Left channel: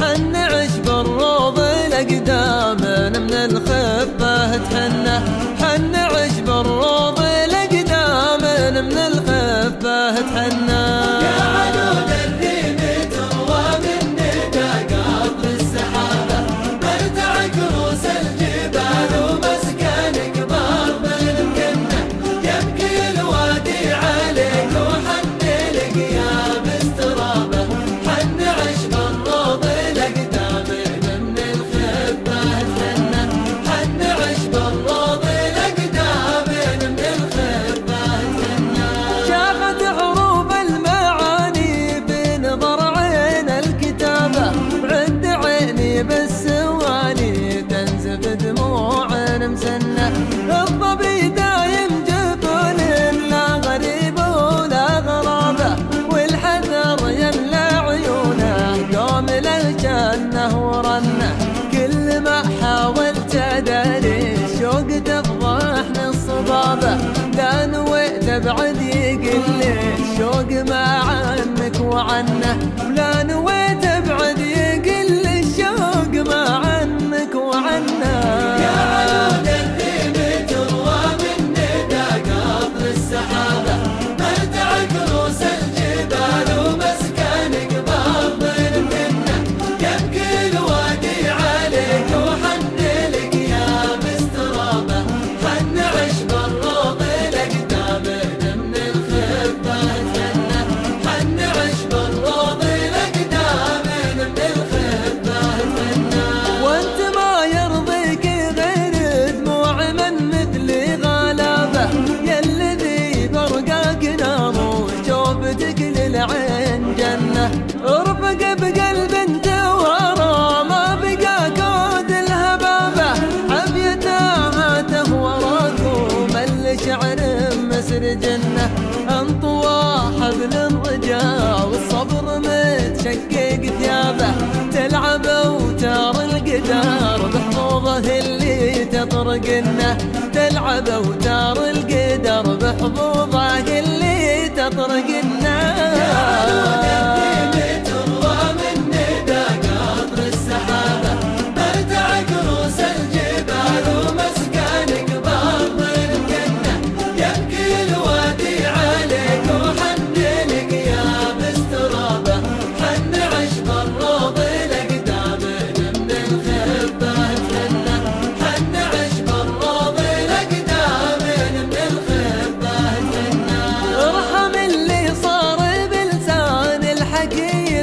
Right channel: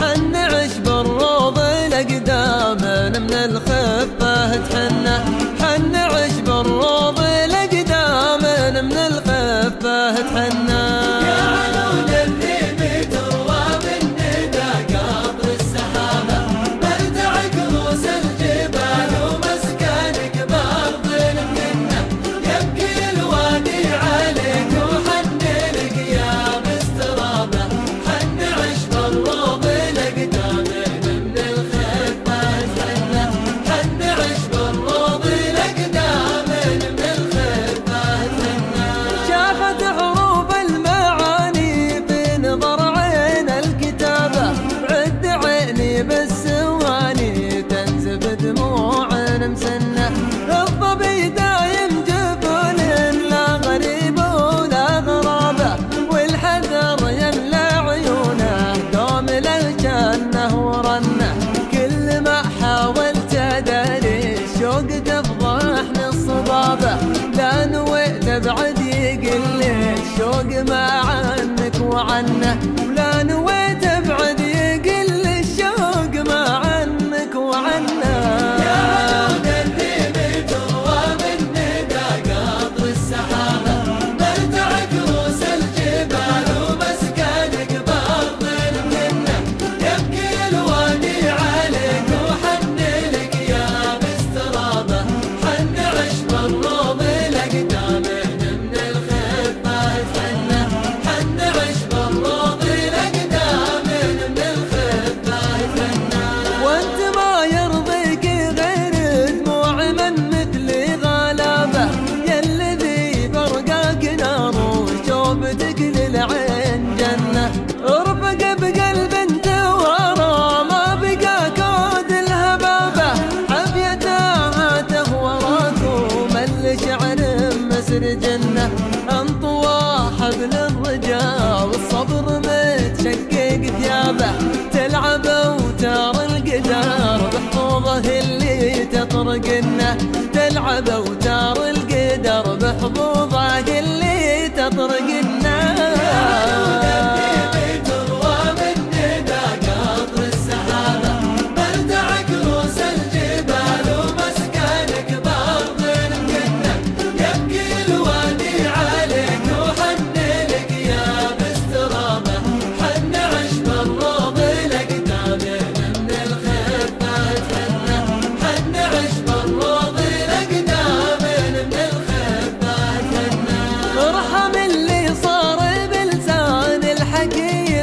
حن عشب الروض الأقدام من الخفة تحنه، حن عشب الروض الأقدام من الخفة تحنه. بالسواني تنزف دموع مسنة، الظبي دايم جفون لا غريب ولا غرابة، والحذر يملى عيونه دوم للجنة ورنه. كل ما حاولت اداري الشوق تفضحني الصبابة، لا نويت ابعد يقل الشوق ما عنك وعنه، ولا نويت ابعد يقل الشوق ما عنك وعنه. العين جنة ارفق بقلب انت ورا، ما بقى كود الهبابة حبيته وراكم الشعر مسر جنة. انطوى حبل الرجاء والصبر متشقق ثيابه، تلعب اوتار القدر بحظوظه اللي تطرقنه، تلعب اوتار القدر بحظوظه اللي تطرقنه.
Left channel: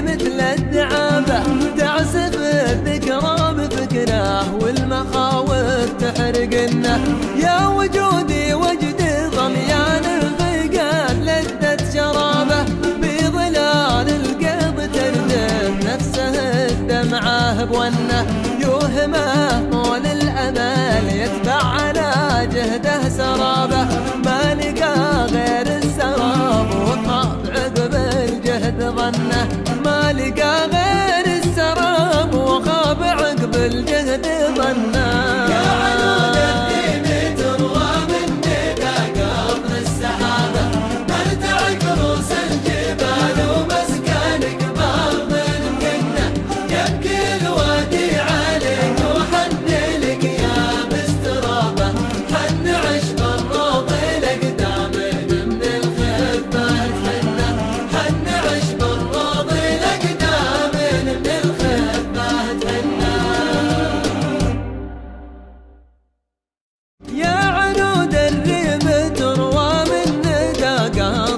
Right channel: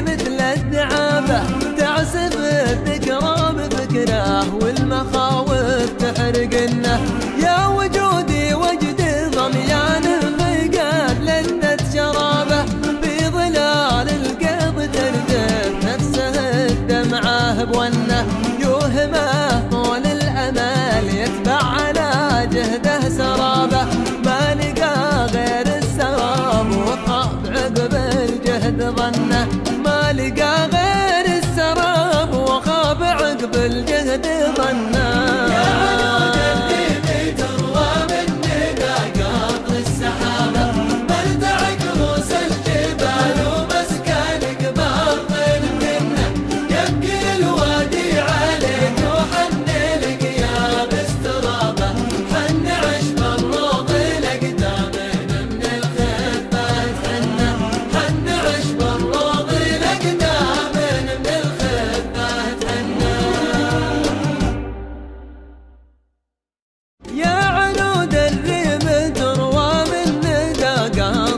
مثل الدعابة تعسف الذكرى بفكره، والمخاوف تحرقنه. يا وجودي وجد ضميان فقد لذة شرابه، في ظلال القيض تردف نفسه الدمعة بونه، يوهمه طول الأمل يتبع على جهده سرابه، ما لقى غير السراب وخاب عقب الجهد ظنه، ما لقى غير السراب وخاب عقب الجهد ظنه.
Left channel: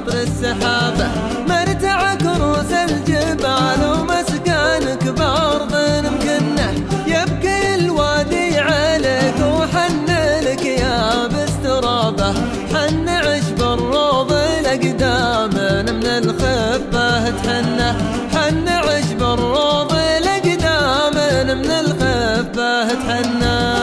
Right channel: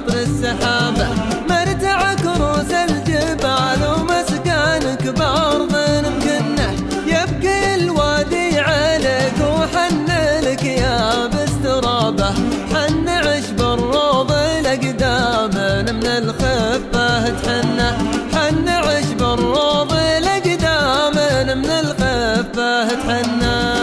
السحابة مرتع كروس الجبال ومسكانك بأرض مكنة، يبكي الوادي عليك وحن لك يا باسترابة، حن عشب الروض الأقدام من الخفة تحنه، حن عشب الروض الأقدام من الخفة تحنه.